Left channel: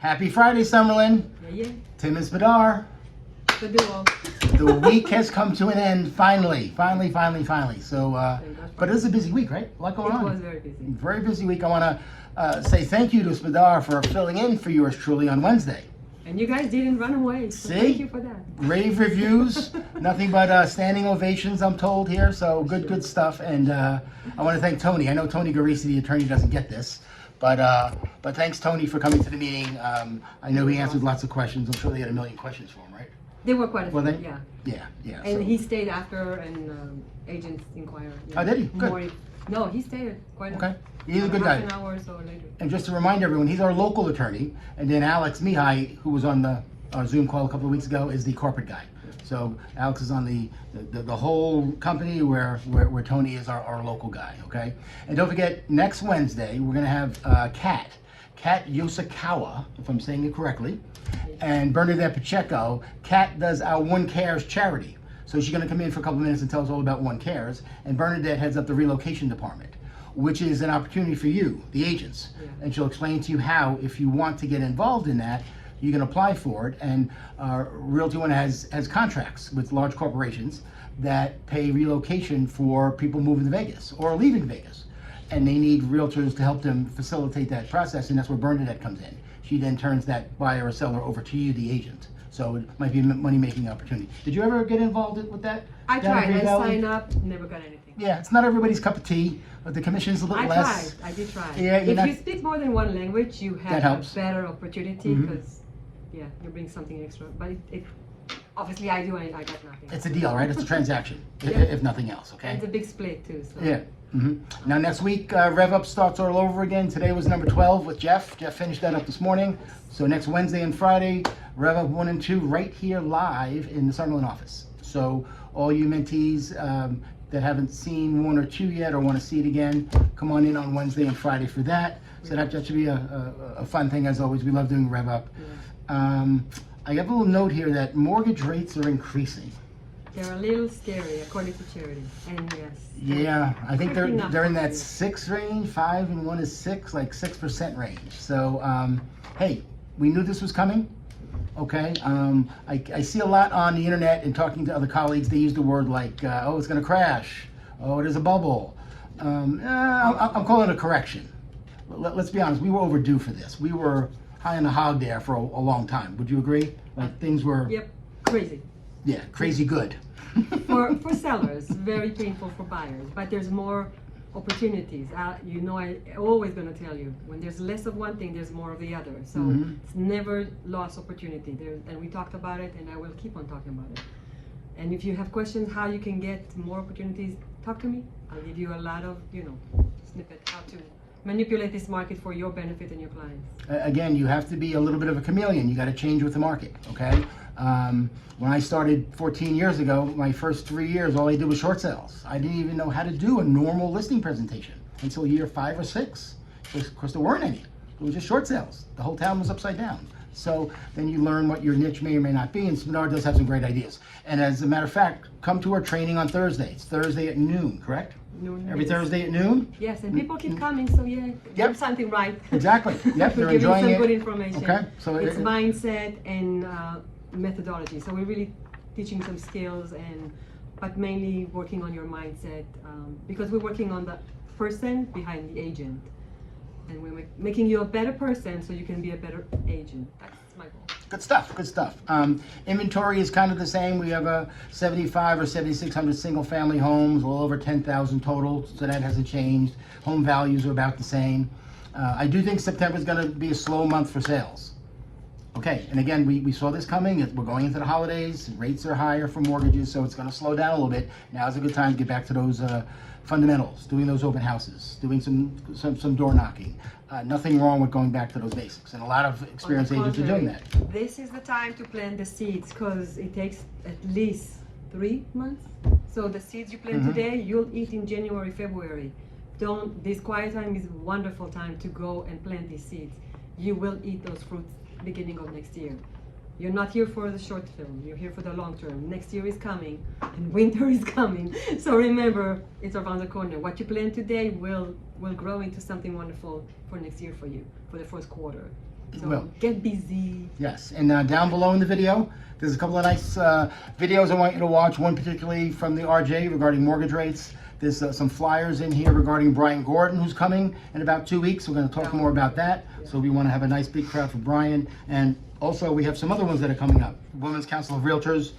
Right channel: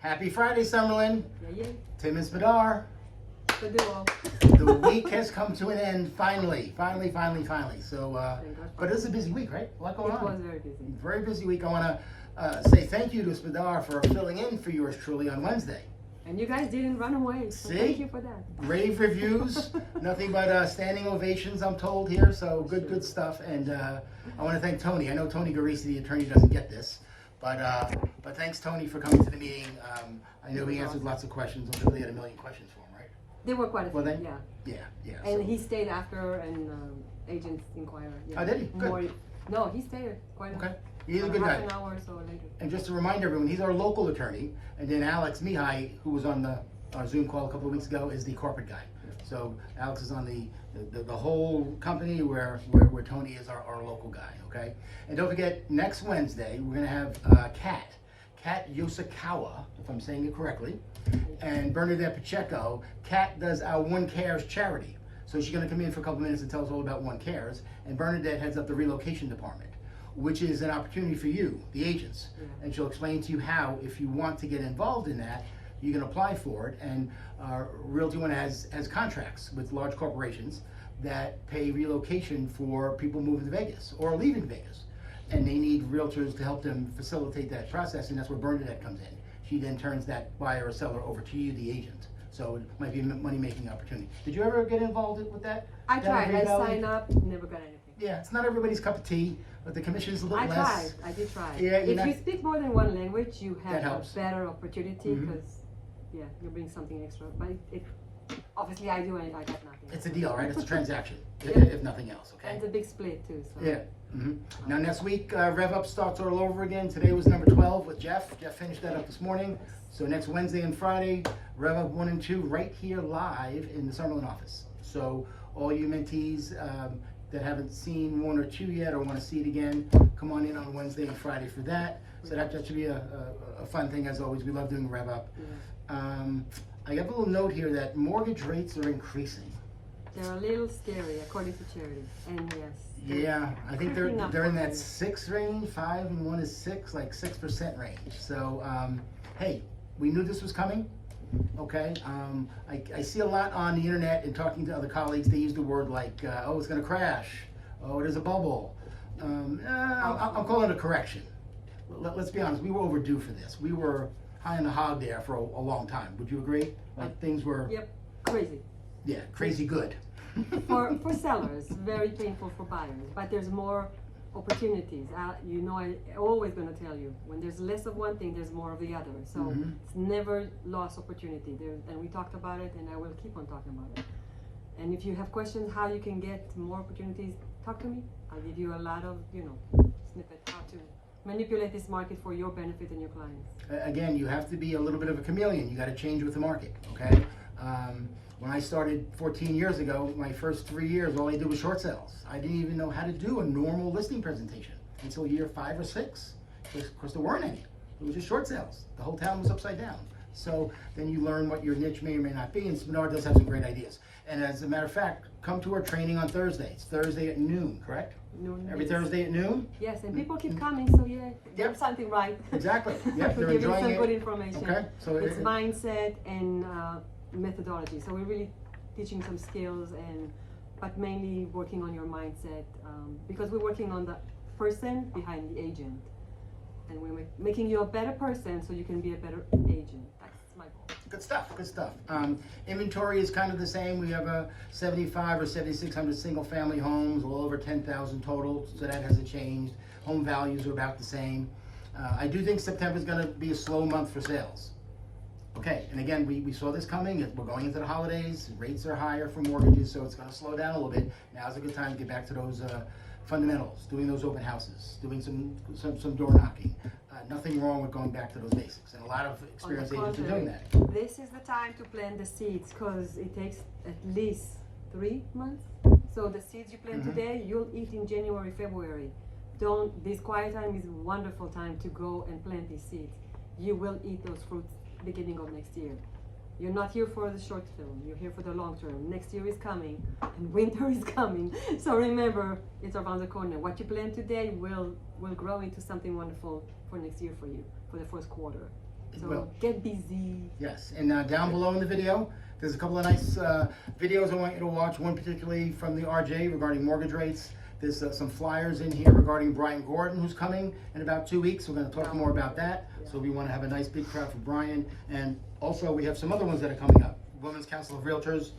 Happy Friday, Summerlin. Yeah, yeah. Tim and Spadar. The duo. The week has come to an end, finally. So, but it was a busy week, right? A lot going on. It was very busy. Very busy week. I want to say thank you to Spadar for filling in for yours truly on Wednesday. And you guys didn't run away, so thank you for that. Rave reviews, nothing but standing ovations, I'm told here. So good stuff. And I want to thank Tony. I know Tony Garisi, the attorney, doesn't get this, but thanks Tony for coming to the meeting. I know he answered lots of questions. I'm sure they had a million questions for him, right? There were quite a few, Were they? yeah. Yeah. And So- he stayed after an agent's inquiry. Oh, did he? Good. No, he stayed quite Okay. He's a good guy. half an hour or so later. And just to remind everyone, he's our local attorney, and then Alex Mihai, who was on our Zoom call a couple of weeks ago, is the corporate guy. So Alex is on the whole company where Tony is our local guy, okay? And don't forget, next Wednesday, we're gonna have Kat Yosakawa, if I'm saying it correctly, and Bernadette Pacheco. Kat does our One Cares charity. So she's gonna come in for a couple of minutes and tell us all about One Cares, and Bernadette heads up the relocation department, which is an opportunity for you, the agents. Yeah. And she'll explain to you how, if you want to get involved in that, you can apply for it. And Realty One has contracts with large corporations that pay relocation for people moving to Vegas or leaving Vegas. And they need realtors to help them facilitate that process, and that's where Bernadette comes in. She then turns that buyer or seller over to you, the agent. So it might be a money-making opportunity. Did you ever get involved with that? I tried. I signed up, never got anything. Yeah, it's not everybody's cup of tea, but the commission's a little less. I did try. Yeah, if you speak more than one language, you have a better opportunity Mhm. because, you bring something extra. But it obviously I got nothing. It's a deal, right? It's a transaction, Yeah. if nothing else, okay? And it's a big split too. So. Yeah. Now next week, Rev Up starts all over again. Today was number 12 with Jeff. Jeff finished that up this morning. So next Wednesday and Friday, Rev Up 1 and 2 right here live in the Summerlin office. So all you mentees that haven't seen 1 or 2 yet or want to see it again, come on in on Wednesday and Friday for that. So that should be a fun thing as always. We love doing Rev Up. Yeah. I have a little note here that mortgage rates are increasing. They're a little scary according to Charity. And yes. Yeah, I think they're creeping up in on that you. 6 range, 5 and 1 is 6, like 6% range. So, hey, we knew this was coming. Okay, I see a lot on the internet and talking to other colleagues. They use the word like, oh, it's going to crash. Oh, there's a bubble. I'm calling it a correction. Let's be honest, we were overdue for this. We were high on the hog there for a long time. Would you agree? Like things were. Yep, crazy. Yeah, crazy good. for sellers, very painful for buyers. But there's more opportunities. I always going to tell you, when there's less of one thing, there's more of the other. So it's never lost opportunity. And we talked about it, and I will keep on talking about it. And if you have questions how you can get more opportunities, talk to me. I'll give you a lot of, snippet how to manipulate this market for your benefit and your clients. Again, you have to be a little bit of a chameleon. You got to change with the market, okay? When I started 14 years ago, my first 3 years, all I did was short sales. I didn't even know how to do a normal listing presentation until year 5 or 6. Of course, there weren't any. It was just short sales. The whole town was upside down. So then you learn what your niche may or may not be, and Spadar does have some great ideas. And as a matter of fact, come to our training on Thursday. It's Thursday at noon, correct? Noon, Every yes. Thursday at noon? Yes, and people keep coming, so do something right. Exactly. Yep, We're they're giving enjoying some it. good information. Okay, so it's mindset and methodology. So we're really teaching some skills, but mainly working on your mindset because we're working on the person behind the agent, and we're making you a better person so you can be a better agent. That's my goal. Good stuff, good stuff. Inventory is kind of the same. We have a 75 or 7,600 single family homes, well over 10,000 total, so that hasn't changed. Home values are about the same. I do think September is going to be a slow month for sales. Okay, and again, we saw this coming. We're going into the holidays. Rates are higher for mortgages, so it's going to slow down a little bit. Now is a good time to get back to those fundamentals, doing those open houses, doing some door knocking. Nothing wrong with going back to those basics, and a lot of experienced agents are doing that. This is the time to plant the seeds because it takes at least 3 months. So the seeds you plant today, you'll eat in January, February. This quiet time is a wonderful time to go and plant these seeds. You will eat those fruits beginning of next year. You're not here for the short term, you're here for the long term. Next year is coming and winter is coming. So remember, it's around the corner. What you plant today will grow into something wonderful for next year for you, for the first quarter. It So will. get busy. Yes, and down below in the video, there's a couple of nice videos I want you to watch. One particularly from the RJ regarding mortgage rates. There's some flyers in here regarding Brian Gordon, who's coming in about 2 weeks. We're going to talk more about that. So we want to have a nice big crowd for Brian. And also we have some other ones that are coming up. Women's Council of Realtors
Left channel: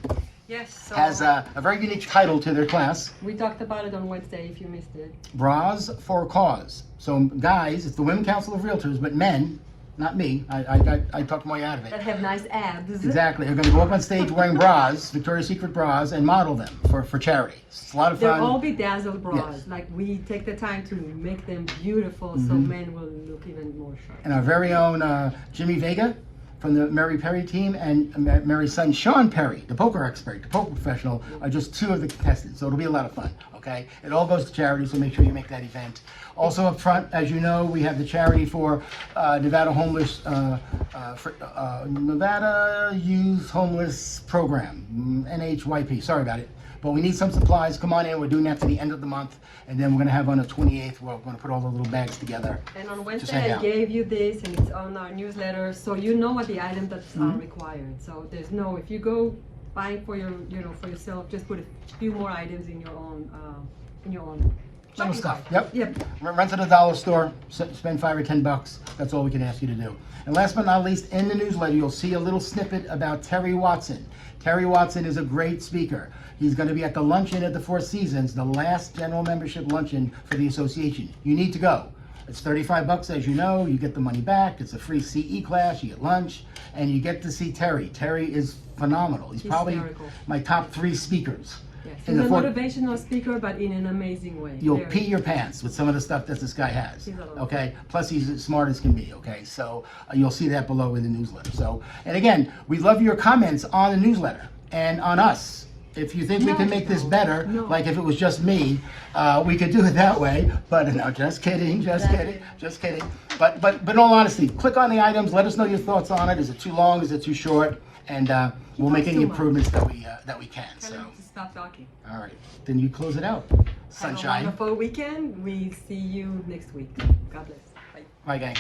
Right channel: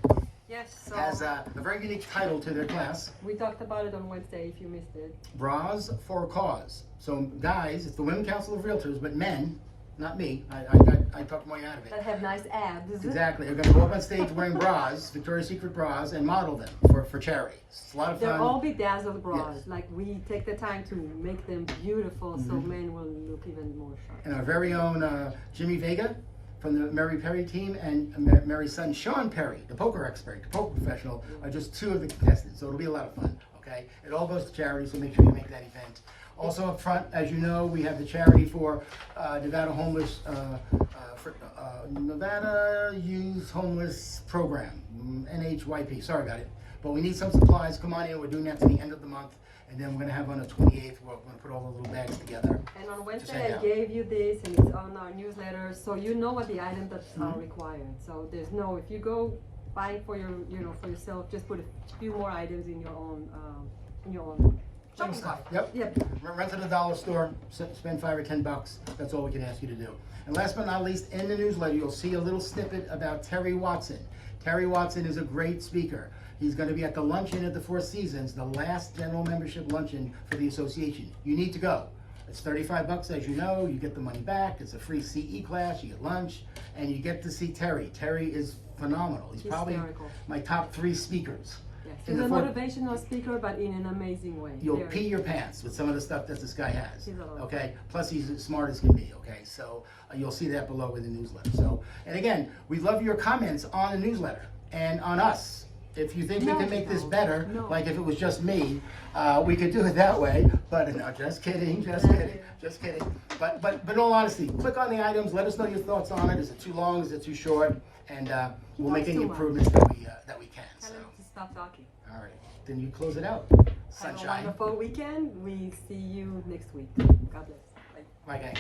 Yes, so has a very unique title to their class. we talked about it on Wednesday if you missed it. Bras for a Cause. So guys, it's the Women's Council of Realtors, but men, not me, I talked my way out of it. That have nice abs. Exactly. They're going to go up on stage wearing bras, Victoria's Secret bras, and model them for charity. It's a lot of They're fun. all bedazzled bras. Yes. Like we take the time to make them beautiful so men will look even more sharp. And our very own Jimmy Vega from the Mary Perry team and Mary's son Sean Perry, the poker expert, the poker professional, are just 2 of the contestants. So it'll be a lot of fun. Okay. It all goes to charity, so make sure you make that event. Also up front, as you know, we have the charity for Nevada Homeless, Nevada Youth Homeless Program, NHYP. Sorry about it. But we need some supplies. Come on in. We're doing that to the end of the month. And then we're going to have on the 28th, we're going to put all the little bags together. And on hang Wednesday I out. gave you this and it's on our newsletter so you know what the items that are required. So there's no, if you go buy for your, for yourself, just put a few more items in your own, Little shopping stuff. cart. Yep. Yep. Rent at a dollar store, spend $5 or $10. That's all we can ask you to do. And last but not least, in the newsletter, you'll see a little snippet about Terry Watson. Terry Watson is a great speaker. He's going to be at the luncheon at the Four Seasons, the last general membership luncheon for the association. You need to go. It's $35, as you know. You get the money back. It's a free CE class. You get lunch, and you get to see Terry. Terry is phenomenal. He's probably Hysterical. my top 3 speakers. Yes. In He's the a four- motivational speaker, but in an amazing way. You'll Very- pee your pants with some of the stuff that this guy has. He's a lot. Okay. Plus, he's as smart as can be. Okay. So you'll see that below in the newsletter. So, and again, we love your comments on the newsletter and on us. If you think we No, can make this no, better, no. like if it was just me, we could do it that way. But no, just kidding, just kidding, just kidding. But in all honesty, click on the items. Let us know your thoughts on it. Is it too long? Is it too short? And we'll make talks any too much. improvements that we can. Tell So, him to stop talking. all right. Then you close it out. Have a Sunshine. wonderful weekend. We see you next week. God bless. Bye. Bye, gang.